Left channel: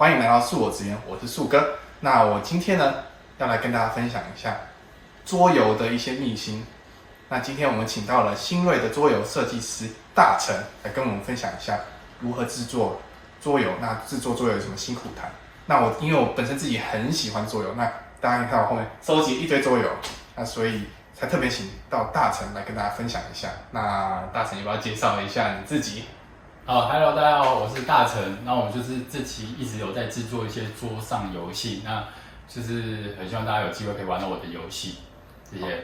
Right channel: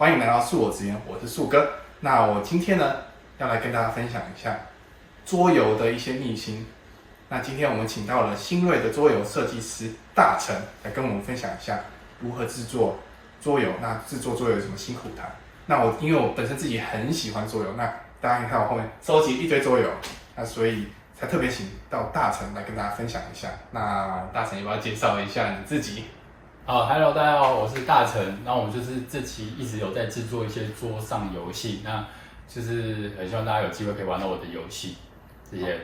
欢迎来到素我直言，我是素哥。那我今天呢，要来跟大家分享一下桌游的一些秘辛。那今天我们请到了新锐的桌游设计师大成来跟我们分享一下如何制作桌游。那制作桌游有什么辛苦谈？那因为我本身自己很喜欢桌游，那大家可以看我后面收集一堆桌游，那所以才特别请到大成来跟大家分享一下。那大成要不要介绍一下你自己？好 ，Hello， 大家好，我是大成。那我们就是这期一直有在制作一些桌上游戏，那就是很希望大家有机会可以玩到我的游戏，谢谢。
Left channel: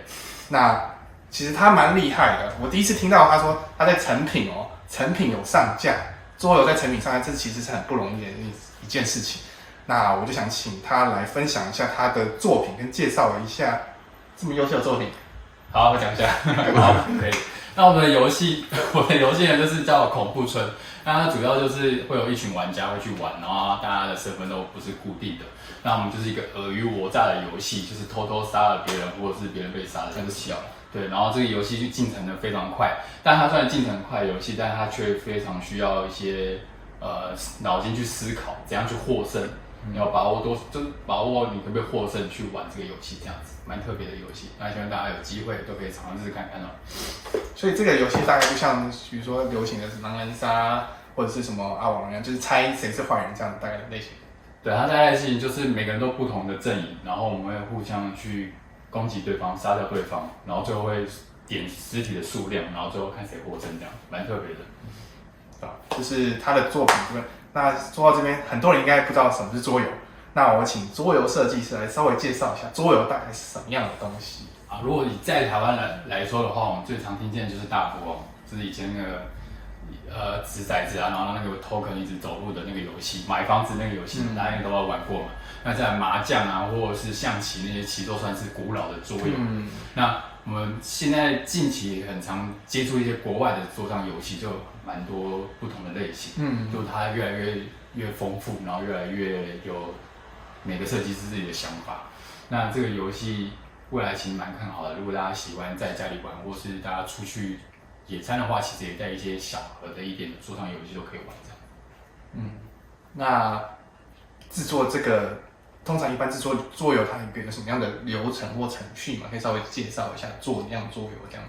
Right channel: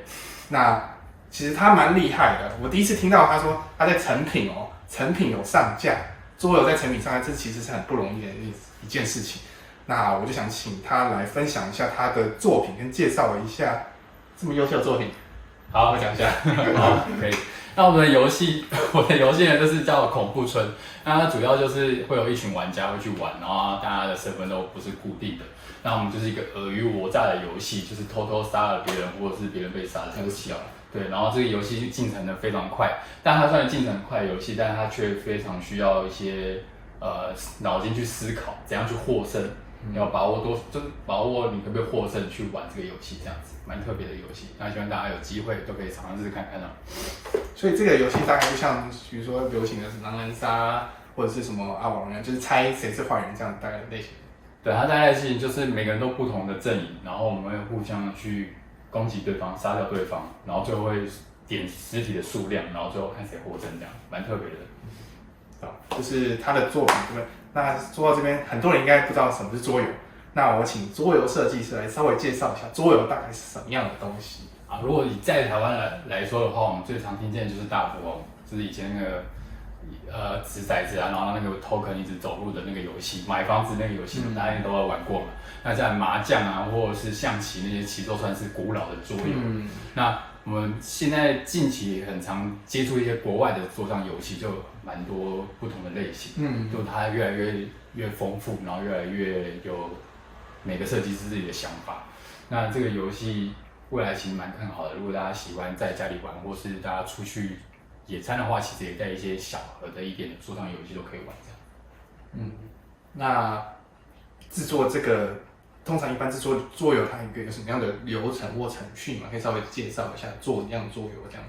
那其实他蛮厉害的，我第一次听到他说他在成品有上架，桌游在成品上架，这其实是很不容易的一件事情。那我就想请他来分享一下他的作品，跟介绍一下这么优秀的作品。好，我讲一下。好，可以。那我的游戏呢，就是叫恐怖村。那它主要就是会有一群玩家会去玩，然后大家的身份都不是固定的。那我们就是一个尔虞我诈的游戏，就是偷偷杀了别人，或者是别人被杀的游戏。对，然后这个游戏就进程的非常快，但它虽然进程很快的游戏，但它却非常需要一些脑筋去思考，怎样去获胜。你要把握就是把握你可不可以获胜去玩这个游戏，这样子蛮特别的游戏。那希望大家有机会都可以尝试看看哦。所以这个游戏大概就像比如说流行的是狼人杀或者是什么阿王一样，就是猜谁是坏人这样大概的类型。对，它大概的事情就是每个人都不同的阵营，然后我们会互相去攻击对方，杀掉对方，然后最后会点尸体的数量，然后最后看谁获胜，这样蛮特别的。就是他的作品部分。那说到这边，很多人应该不知道什么是桌游。那我请桌游设计师来稍微介绍一下桌游大概是什么样的东西啊。如果你在台湾来说的话，我们最常听见的就是大富翁，就是以前那个掷骰子啊，然后那个 token 一直走路的那个游戏，买房子那个游戏，大家都有玩过嘛。那在麻将啊，或者是象棋那些，其实都算是古老的桌游。那我们现在近期很常接触一些国外的桌上游戏，就蛮多不同的类型，就它越来越丰富，然后越来越有每个设计师自己的想法。那这个游戏未来其实蛮看好的，如果大家喜欢在家里玩，或是大家出去野餐的话，其实也带一些小盒的一点的桌上游戏都可以玩这样。那制作这个通常一般制作桌游，它有什么样的流程或程序嘛？可以稍微介绍一下做一样桌游这样。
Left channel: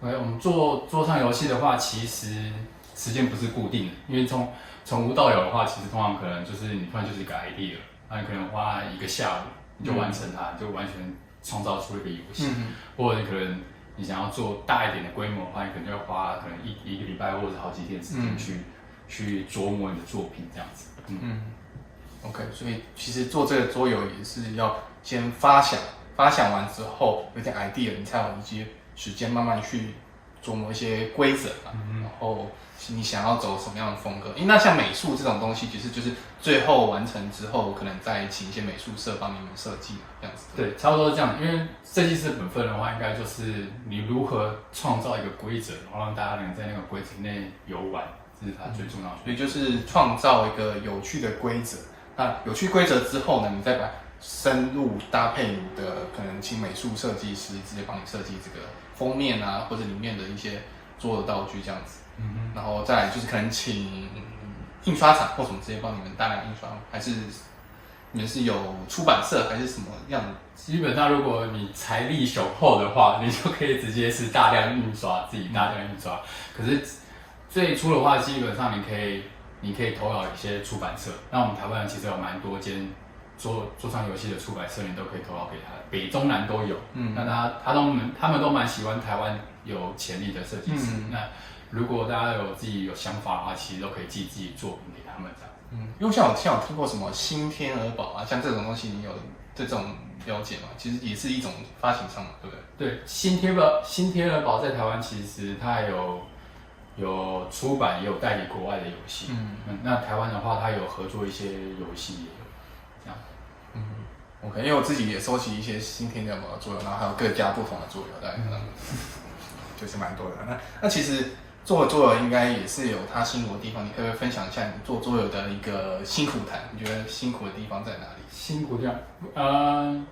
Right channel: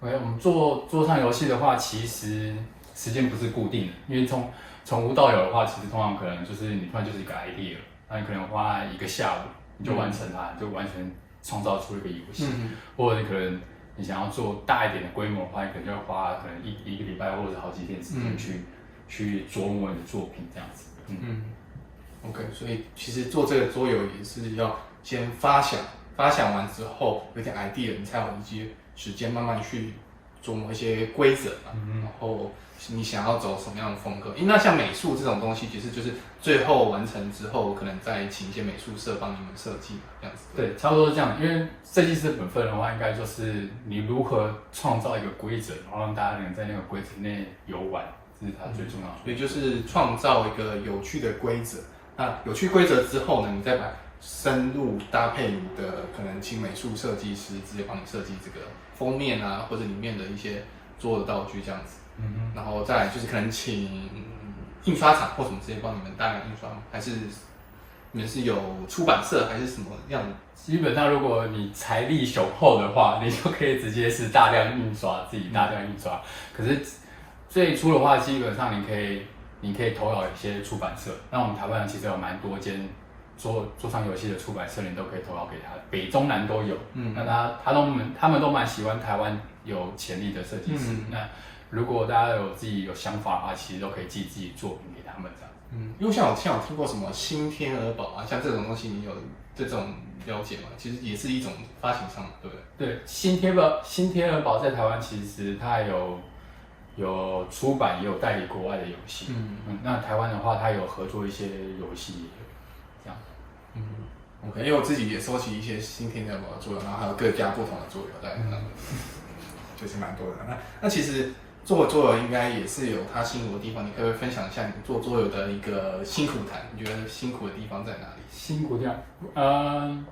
OK， 我们做桌上游戏的话，其实时间不是固定的，因为从无到有的话，其实通常可能就是你突然就是一个 idea， 那你可能花一个下午你就完成它，就完全创造出一个游戏，或者你可能你想要做大一点的规模的话，你可能就要花可能一个礼拜或者好几天时间去琢磨你的作品这样子。OK， 所以其实做这个桌游也是要先发想完之后有点 idea， 你才有一些时间慢慢去琢磨一些规则嘛，然后你想要走什么样的风格？那像美术这种东西，其实就是最后完成之后，可能再请一些美术社帮你们设计这样子。对，差不多是这样。因为设计师本分的话，应该就是你如何创造一个规则，然后让大家能在那个规则内游玩，这是它最重要的。所以就是创造一个有趣的规则。那有趣规则之后呢，你再把深入搭配你的可能请美术设计师直接帮你设计这个封面啊，或者里面的一些桌游道具这样子。然后再来就是可能请印刷厂或什么直接帮你们大量印刷，还是你们是有出版社还是什么样的？基本上如果你财力雄厚的话，你就可以直接是大量印刷，自己大量印刷。可是最初的话，基本上你可以投稿一些出版社。那我们台湾其实有蛮多间桌上游戏的出版社，你都可以投稿给他，北中南都有。那他们都蛮喜欢台湾有潜力的设计师。那如果大家有想法的话，其实都可以寄自己作品给他们这样。因为像我听过什么新天鹅堡啊，像这种东西，你有这种了解吗？其实也是一种发行商嘛，对不对？对，新天鹅堡在台湾其实它有出版，也有代理国外的游戏。那台湾的话，它有合作一些游戏，这样。OK， 因为我自己也收集一些新天鹅堡的桌游，然后还有各家不同的桌游，大概就是蛮多的。那其实做桌游应该也是有它辛苦的地方，你可不可以分享一下你做桌游的一个辛苦谈？你觉得辛苦的地方在哪里？辛苦地方，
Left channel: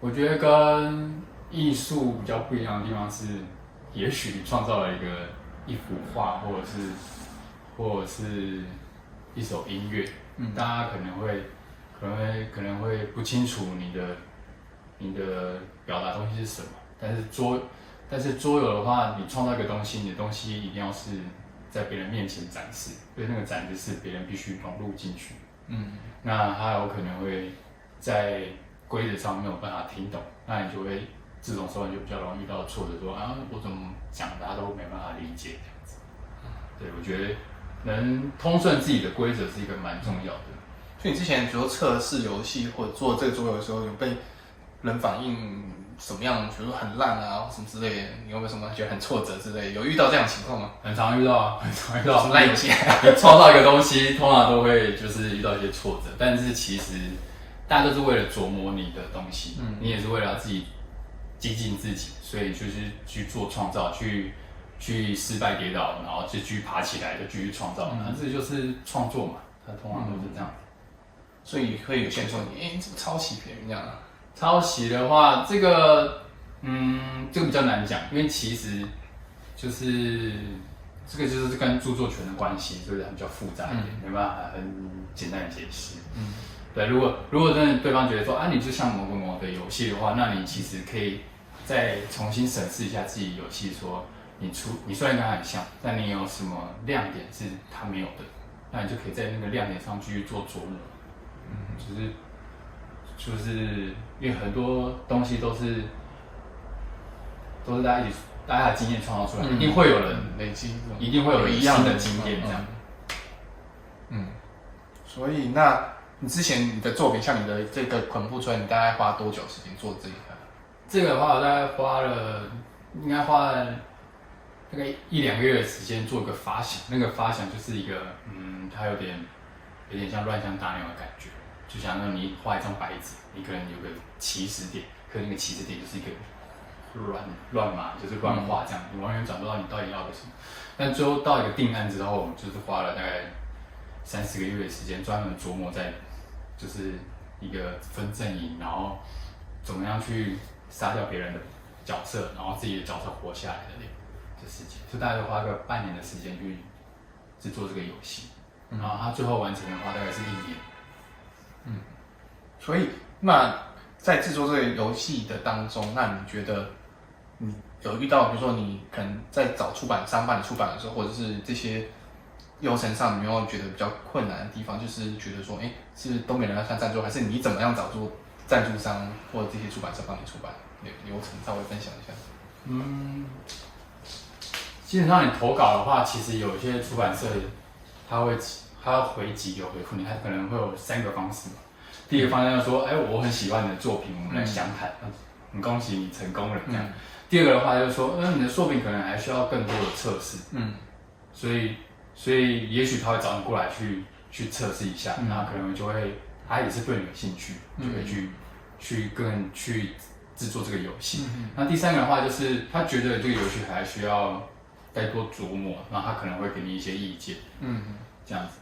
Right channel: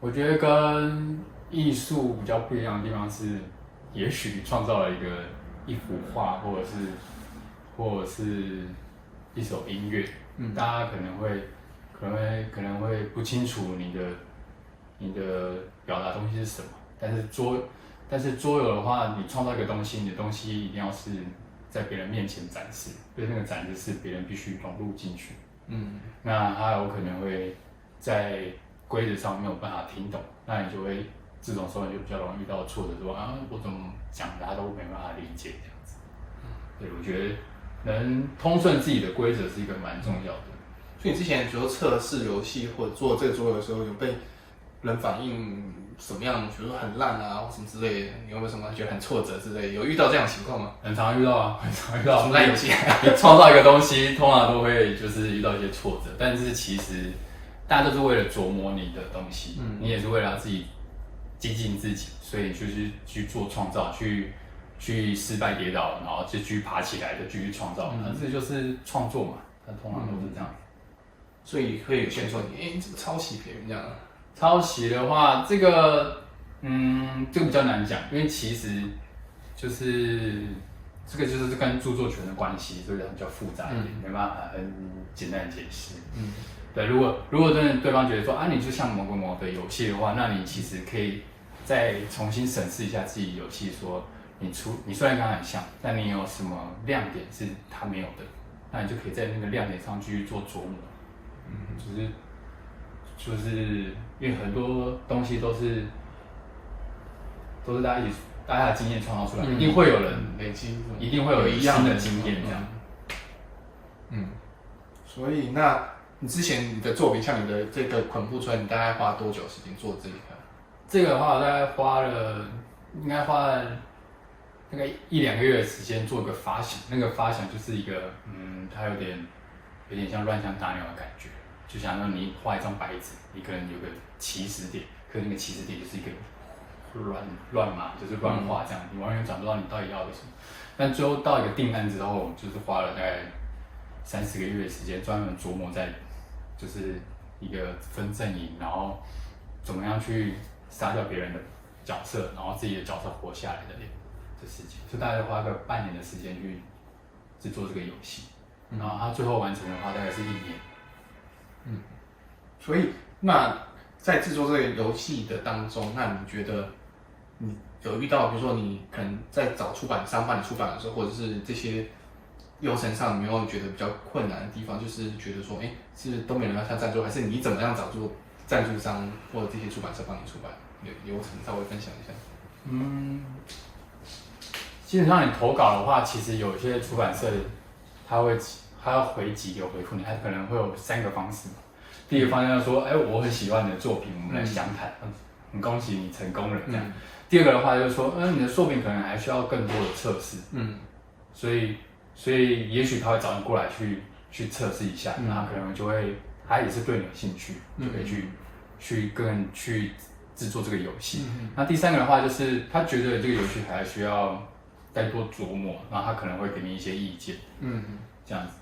我觉得跟艺术比较不一样的地方是，也许你创造了一幅画，或者是一一首音乐，大家可能会不清楚你的表达东西是什么，但是桌游的话，你创造一个东西，你的东西一定要是在别人面前展示，所以那个展示是别人必须融入进去。那他有可能会在规则上没有办法听懂，那你就会这种时候你就比较容易遇到挫折，说啊我怎么讲他都没办法理解这样子。对，我觉得能通顺自己的规则是一个蛮重要的。所以你之前比如说测试游戏或者做这个桌游的时候，有被人反映什么样，比如说很烂啊或什么之类的，你有没有什么觉得很挫折之类的？有遇到这样的情况吗？很常遇到啊，很常遇到。烂游戏，你创造一个东西，通常都会就是遇到一些挫折，但是其实大家都是为了琢磨你的东西，你也是为了自己精进自己，所以就是去做创造，去失败跌倒，然后就继续爬起来，就继续创造，这就是创作嘛，它通常都是这样。所以会有些人说你，你怎么抄袭别人这样啊？抄袭的话，这个比较难讲，因为其实就是这个就是跟著作权的关系，所以它比较复杂一点，没办法很简单的解释。对，如果真的对方觉得说啊，你就像某个的游戏的话，那你其实可以再重新审视一下自己游戏，说你虽然跟他很像，但你有什么亮点是他没有的，那你就可以在那个亮点上继续做琢磨。就是因为很多东西都是大家的经验创造出来，一定会有人累积，一定会有人新的经验这样。所以那你之前你的作品，像你的这个捆布村，你大概花多久时间做这一个？这个的话，我大概应该花了大概1-2个月的时间做一个发想。那个发想就是一个它有点像乱枪打鸟的感觉。就想让你画一张白纸，你可能有个起始点，可是那个起始点就是一个乱码，就是乱画这样，你完全找不到你到底要的什么。但最后到一个定案之后，就是花了大概30个月的时间，专门琢磨在就是一个分阵营，然后怎么样去杀掉别人的角色，然后自己的角色活下来的事情，所以大概花个半年的时间去制作这个游戏，然后它最后完成的话大概是1年。所以那在制作这个游戏的当中，那你觉得你有遇到，比如说你可能在找出版商帮你出版的时候，或者是这些流程上，你有没有觉得比较困难的地方？就是觉得说，是都没人要下赞助，还是你怎么样找出赞助商或者这些出版社帮你出版？流程稍微分享一下。基本上你投稿的话，其实有一些出版社他要回几个回复你，他可能会有3个方式嘛。第一个方向就是说，我很喜欢你的作品，我们来详谈，很恭喜你成功了这样。第二个的话就是说，你的作品可能还需要更多的测试，所以也许他会找你过来去测试一下，那可能就会他也是对你有兴趣，就可以去制作这个游戏。那第3个的话就是他觉得这个游戏还需要再多琢磨，然后他可能会给你一些意见，这样子。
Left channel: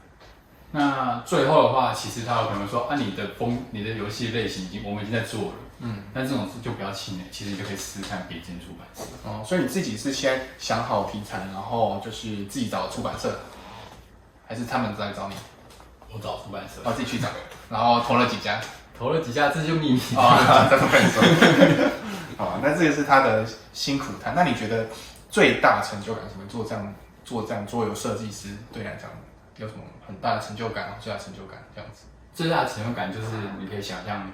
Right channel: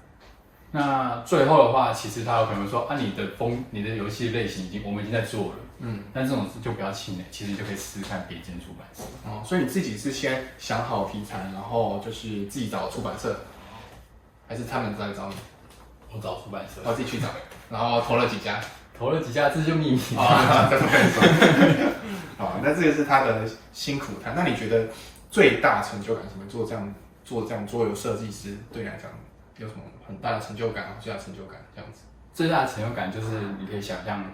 那最后的话，其实他有可能说你的游戏类型我们已经在做了，但这种事就不要气馁，其实你就可以试试看别间出版社。所以你自己是先想好题材，然后就是自己找出版社，还是他们在找你？我找出版社，我自己去找，然后投了几家，这就秘密再不跟你说。好，那这个是他的辛苦谈。那你觉得最大成就感什么？做这样桌游设计师对你来讲有什么很大的成就感？最大成就感这样子？最大的成就感就是你可以想象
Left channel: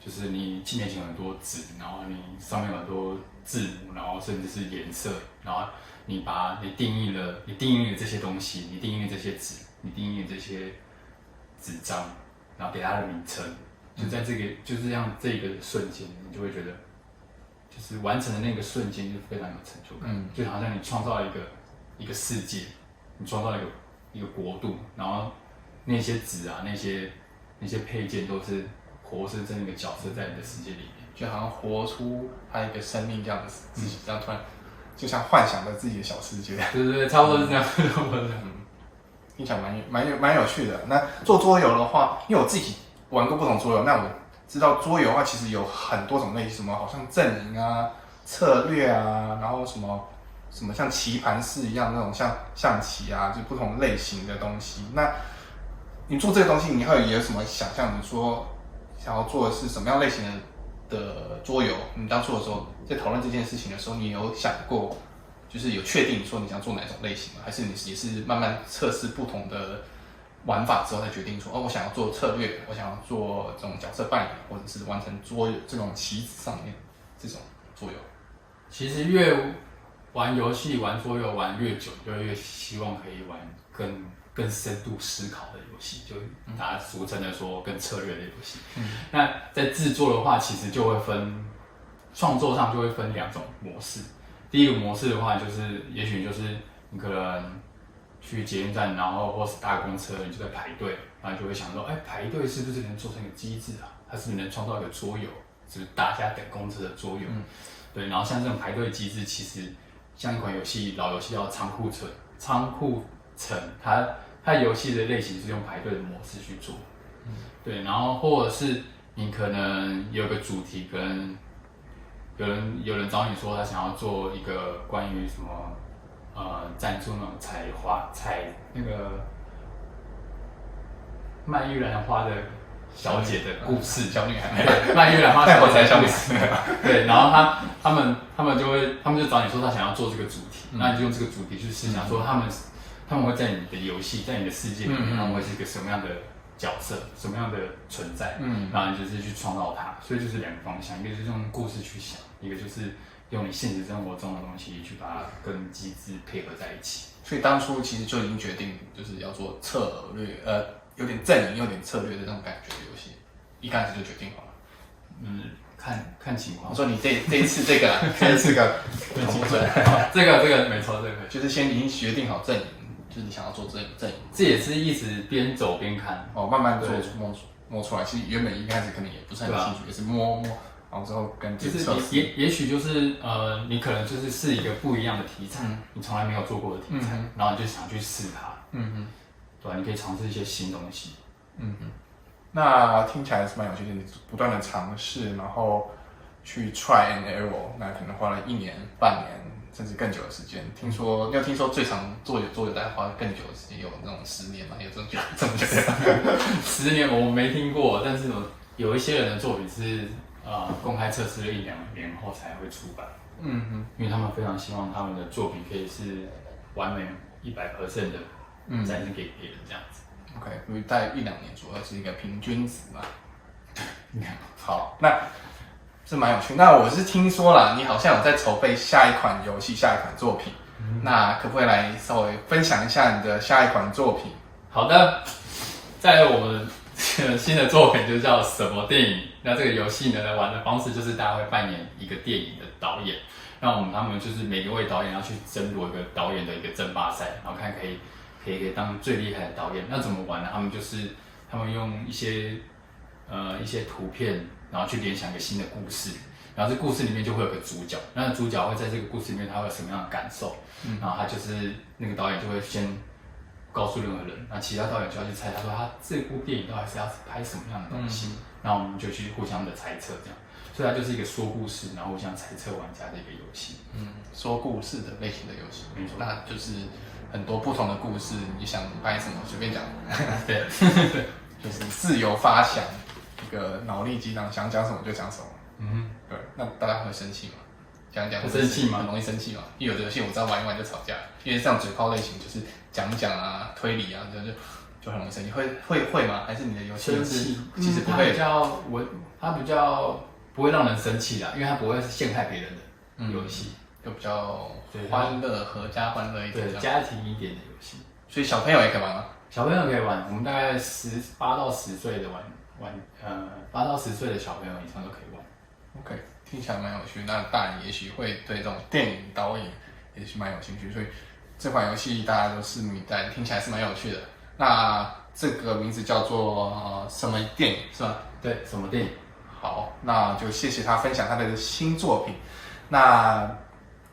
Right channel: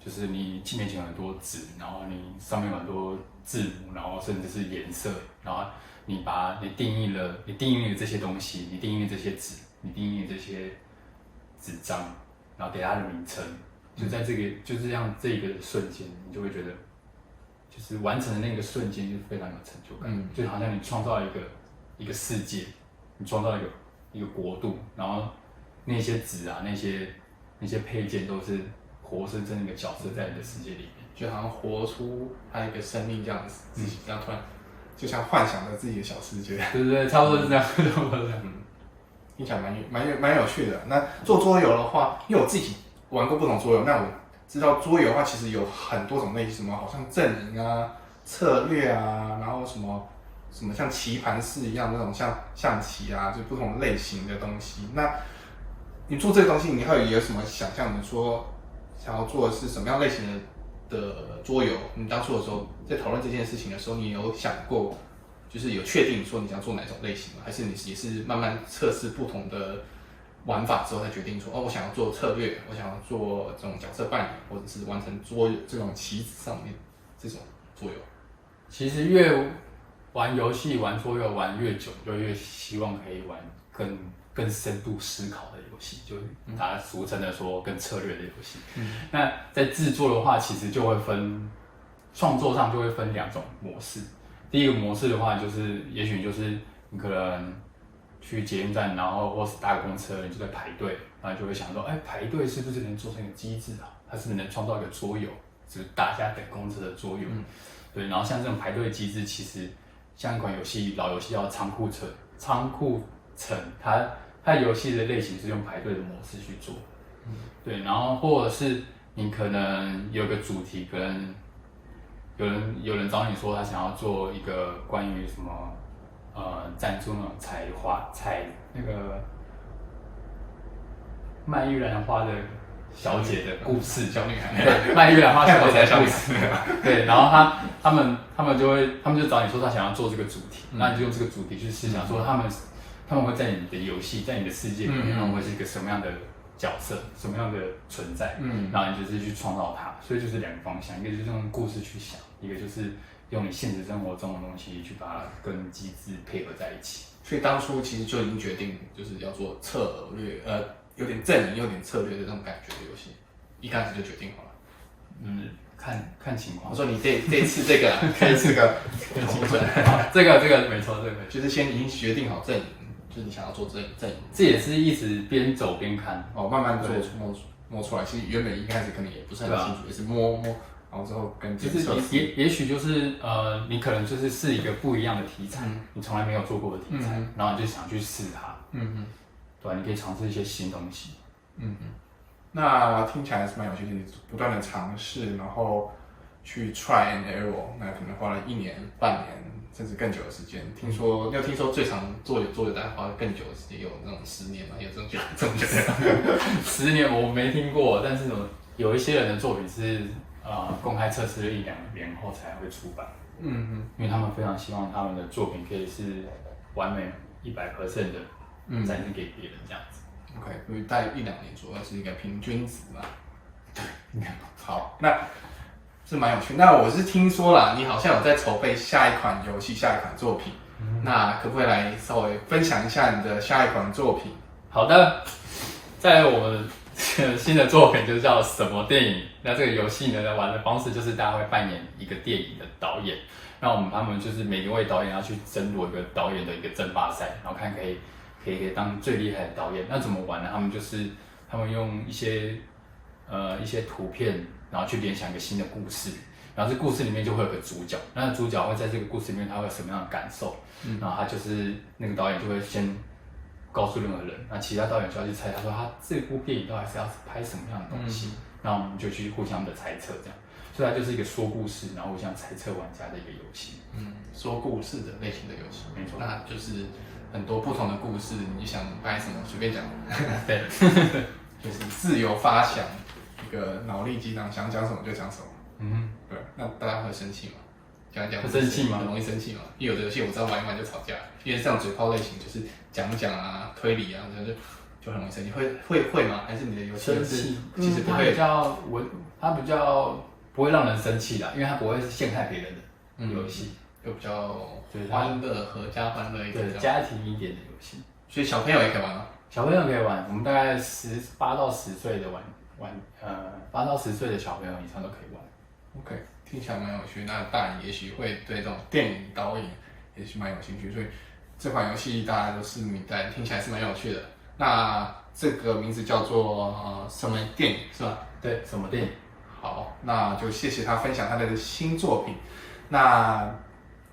就是你面前有很多纸，然后你上面有很多字母，然后甚至是颜色，然后你定义了这些东西，你定义了这些纸，你定义了这些纸张，然后给它的名称，就在就是这样这个瞬间，你就会觉得，就是完成的那个瞬间就非常有成就感，就好像你创造了一个世界，你创造了一个国度，然后那些纸啊，那些配件都是活生生一个角色在你的世界里面，就好像活出他一个生命这样子，然后突然就像幻想着自己的小世界。对，差不多是这样，听起来蛮有趣的。那做桌游的话，因为我自己玩过不同桌游，那我知道桌游的话，其实有很多种类型，什么好像阵营啊、策略啊，然后什么什么像棋盘式一样那种像象棋啊，就不同类型的东西。那你做这个东西，你会有什么想象？你说想要做的是什么样类型的桌游？你当初的时候在讨论这件事情的时候，你有想过，就是有确定说你想做哪种类型吗？还是你也是慢慢测试不同的玩法之后才决定说，哦，我想要做策略，我想要做这种角色扮演，或者是完成桌游这种棋子上面这种桌游？其实越玩游戏、玩桌游玩越久，就越希望可以玩更深度思考的游戏，就大家俗称的说更策略的游戏。那在制作的话，其实就会创作上就会分2种模式。第一个模式的话，就是也许就是你可能去捷运站，然后或是搭公车，你就在排队，然后就会想说，排队是不是能做成一个机制啊？它是不是能创造一个桌游，就是大家等公车的桌游？对，然后像这种排队机制，其实像一款老游戏叫仓库城，它游戏的类型是用排队的模式去做。对，然后或者是你可能有个主题，可能有人找你说他想要做一个关于什么赞助那种采那个卖玉兰花的小姐的故事，小女孩，对，卖玉兰花小姐的故事，对，然后他们就找你说他想要做这个主题，那你就用这个主题去思想说他们会在你的游戏，在你的世界里面，他们会是一个什么样的角色，什么样的存在，然后你就是去创造它，所以就是2个方向，一个就是用故事去想，一个就是用你现实生活中的东西去把它跟机制配合在一起。所以当初其实就已经决定，就是要做策略，有点阵营、有点策略的那种感觉的游戏，一开始就决定好了。看情况。我说你这一次这个啦，这一次个情况，这个没错，这个就是先已经决定好阵营，就是你想要做阵营。这也是一直边走边看，慢慢做摸出来。其实原本一开始可能也不是很清楚，也是摸，然后之后跟就是也许就是你可能就是是一个不一样的题材，你从来没有做过的题材，然后你就想去试它，对吧？你可以尝试一些新东西，那听起来是蛮有趣的，你不断的尝试，然后去 try and error， 那可能花了1年、半年甚至更久的时间。你有听说最长做有大概花更久的时间，有那种10年吗？有这么久？10年我没听过，但是有一些人的作品是公开测试了1-2年后才会出版，因为他们非常希望他们的作品可以是完美100% 的展现给别人这样子。OK， 所以大概1-2年左右是一个平均值吧。对，应该好，那是蛮有趣。那我是听说啦，你好像有在筹备下一款游戏、下一款作品，那可不可以来稍微分享一下你的下一款作品？好的，在我们新的作品就叫什么电影？那这个游戏呢，玩的方式就是大家会扮演一个电影的导演，那他们就是每一位导演要去争夺一个导演的一个争霸赛，然后看可以当最厉害的导演。那怎么玩呢？他们用一些图片，然后去联想一个新的故事，然后这故事里面就会有个主角，那主角会在这个故事里面他会有什么样的感受？然后他就是那个导演就会先告诉任何人，那其他导演就要去猜，他说他这部电影到底是要拍什么样的东西，然后我们就去互相的猜测，这样，所以它就是一个说故事，然后互相猜测玩家的一个游戏。说故事的类型的游戏，没错，那就是很多不同的故事，你想拍什么随便讲，对，就是自由发想，一个脑力激荡，想讲什么就讲什么。对，那大家会生气吗？讲一讲会生气吗？很容易生气嘛。因为有的游戏我知道玩一玩就吵架，因为像嘴炮类型就是讲啊、推理啊，就很容易生气。会吗？还是你的游戏其实不会？它比较不会让人生气的，因为它不会是陷害别人的游戏，就比较欢乐、合家欢乐一点，对，家庭一点的游戏。所以小朋友也可以玩吗？小朋友可以玩，我们大概8到10岁的8到10岁的小朋友以上都可以玩。OK， 听起来蛮有趣。那大人也许会对这种电影导演也许蛮有兴趣，所以这款游戏大家都拭目以待，听起来是蛮有趣的。那这个名字叫做什么电影是吧？对，什么电影？好，那就谢谢他分享他的新作品。那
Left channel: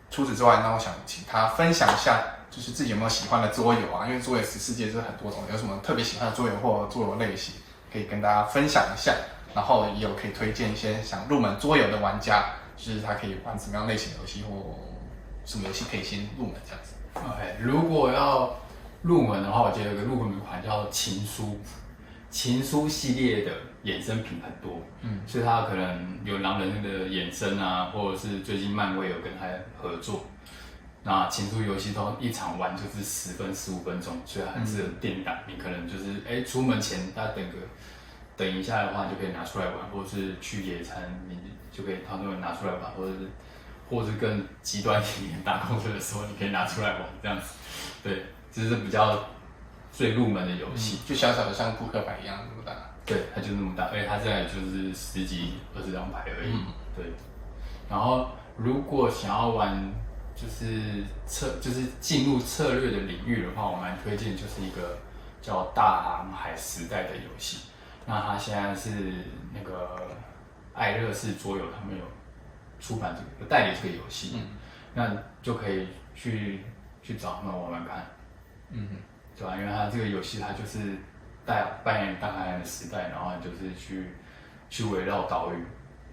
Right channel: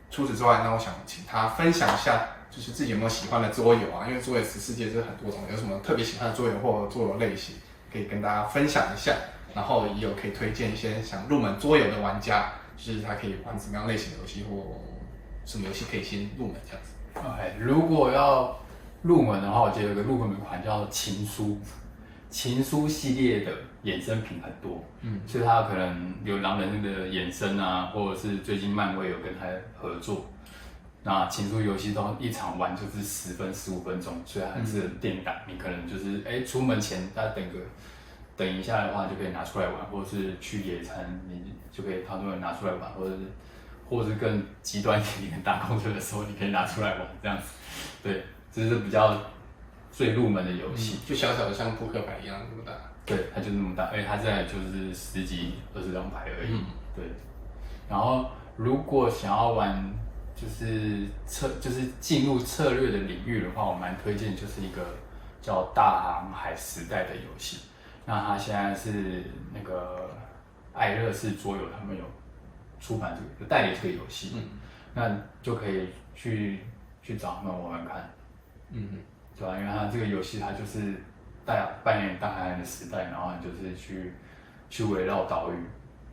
除此之外，那我想请他分享一下，就是自己有没有喜欢的桌游啊？因为桌游世界就是很多种，有什么特别喜欢的桌游或桌游类型，可以跟大家分享一下。然后也有可以推荐一些想入门桌游的玩家，就是他可以玩什么样类型的游戏或什么游戏可以先入门这样子？ OK， 如果要入门的话，我觉得有个入门款叫情书，情书系列的衍生品很多，所以它可能有狼人的衍生啊，或者是最近漫威有跟他合作。那情书游戏都一场玩就是10分15分钟，所以它很适合电档。你可能就是出门前大家等一下的话，你就可以拿出来玩，或者是去野餐，你就可以掏出来拿出来玩，或者是更极端一点，搭公车的时候你可以拿出来玩这样子。对，这是比较最入门的游戏，就小小的像扑克牌一样这么大。对，它就那么大，而且它现在就是10几20张牌而已。对，然后如果想要玩就是进入策略的领域的话，我蛮推荐就是一个叫《大航海时代》的游戏。那它现在是那个爱乐士桌游，他们有出版有代理这个游戏，那就可以去找他们玩玩看，对吧？因为它这个游戏它就是扮演大航海的时代，然后就是去围绕岛屿，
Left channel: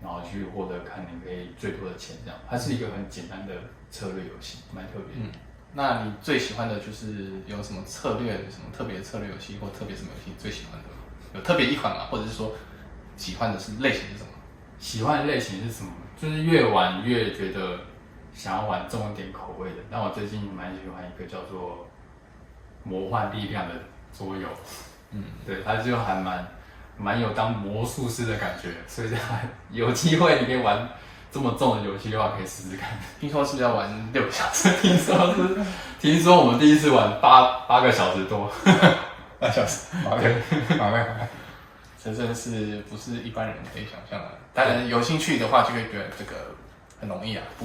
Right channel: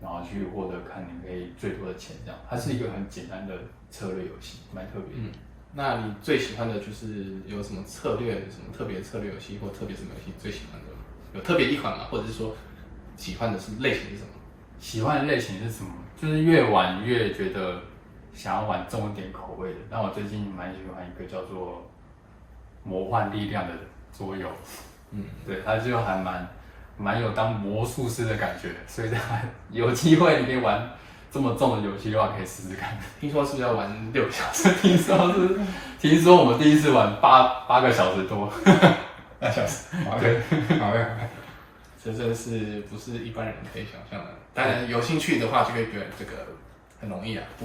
然后去获得看你可以最多的钱这样。它是一个很简单的策略游戏，蛮特别的。那你最喜欢的就是有什么策略，什么特别的策略游戏，或特别什么游戏最喜欢的？有特别一款吗？或者是说喜欢的是类型是什么？喜欢的类型是什么？就是越玩越觉得想要玩重一点口味的。但我最近蛮喜欢一个叫做《魔幻力量》的桌游，对，它就还蛮有当魔术师的感觉，所以它有机会你可以玩这么重的游戏的话，可以试试看。听说是要玩6个小时，听说我们第一次玩8个小时多8小时，对，好嘞，这真是不是一般人可以想象的。当然有兴趣的话，就会觉得这个很容易啊，不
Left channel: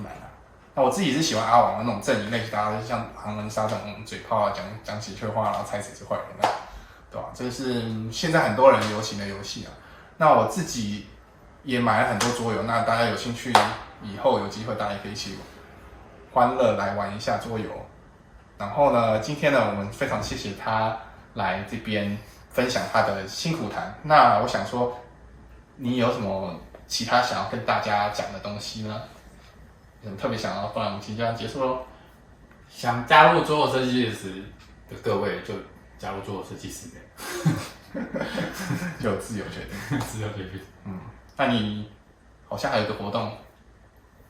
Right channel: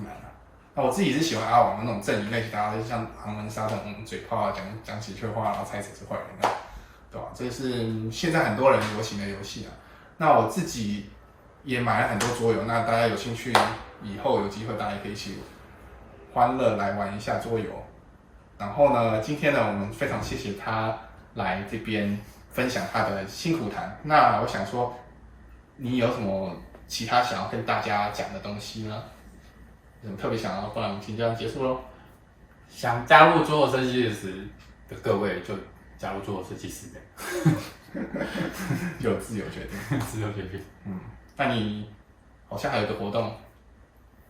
难啊。那我自己是喜欢阿王的那种阵营类型，大家就像狼人杀这种嘴炮啊，讲几句话，然后猜谁是坏人的，对吧？这是现在很多人流行的游戏啊。那我自己也买了很多桌游，那大家有兴趣，以后有机会大家也可以一起欢乐来玩一下桌游。然后呢，今天呢，我们非常谢谢他来这边分享他的辛苦谈。那我想说，你有什么其他想要跟大家讲的东西呢？有什么特别想要？不然我们即将结束喽。想加入桌游设计师的各位，就加入桌游设计师就自由决定，自由决定。那你好像还有一个活动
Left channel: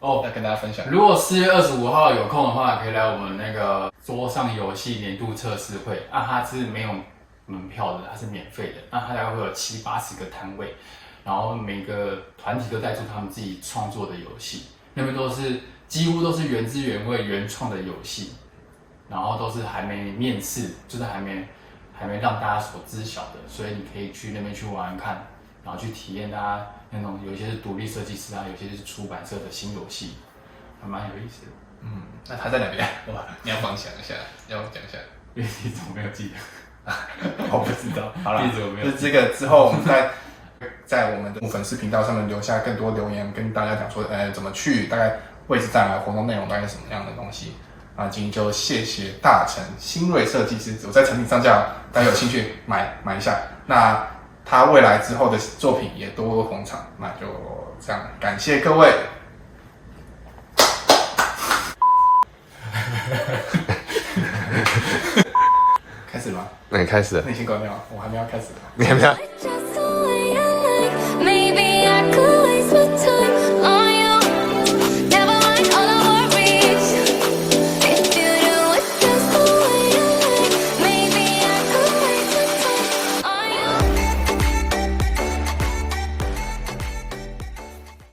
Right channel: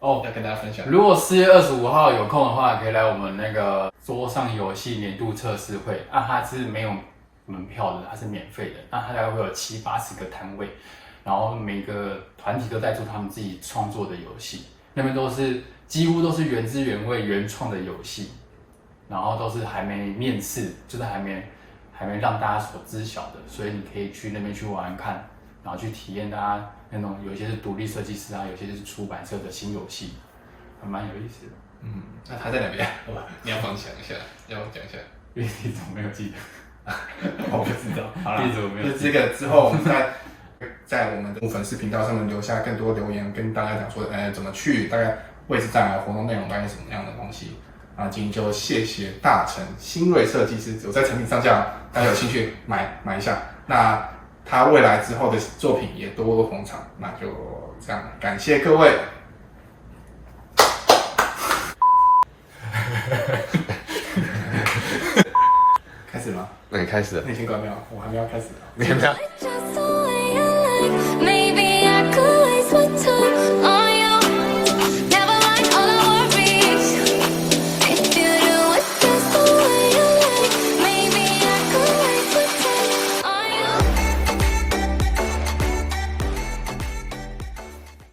要跟大家分享。如果4月25号有空的话，可以来我们那个桌上游戏年度测试会啊，它是没有门票的，它是免费的。那它大概会有70、80个摊位，然后每个团体都带出他们自己创作的游戏，那边几乎都是原汁原味、原创的游戏，然后都是还没面世，就是还没让大家所知晓的，所以你可以去那边去玩玩看，然后去体验大家那种有些是独立设计师啊，有些就是出版社的新游戏，还蛮有意思的。那他在哪边？你要分享一下，要讲一下。地址我没有记得，我不知道。好了，地址我没有记得。这个之后我们在我们的粉丝频道上面留下更多留言，跟大家讲说，怎么去，大概位置在哪，活动内容大概是什么样的东西。啊，今天就谢谢大成新锐设计师，我在成品上架，大家有兴趣买一下。那他未来之后的作品也多多捧场，那就这样，感谢各位。开始吗？那你开始了，那你先关掉，我还没要开始呢。你还没有。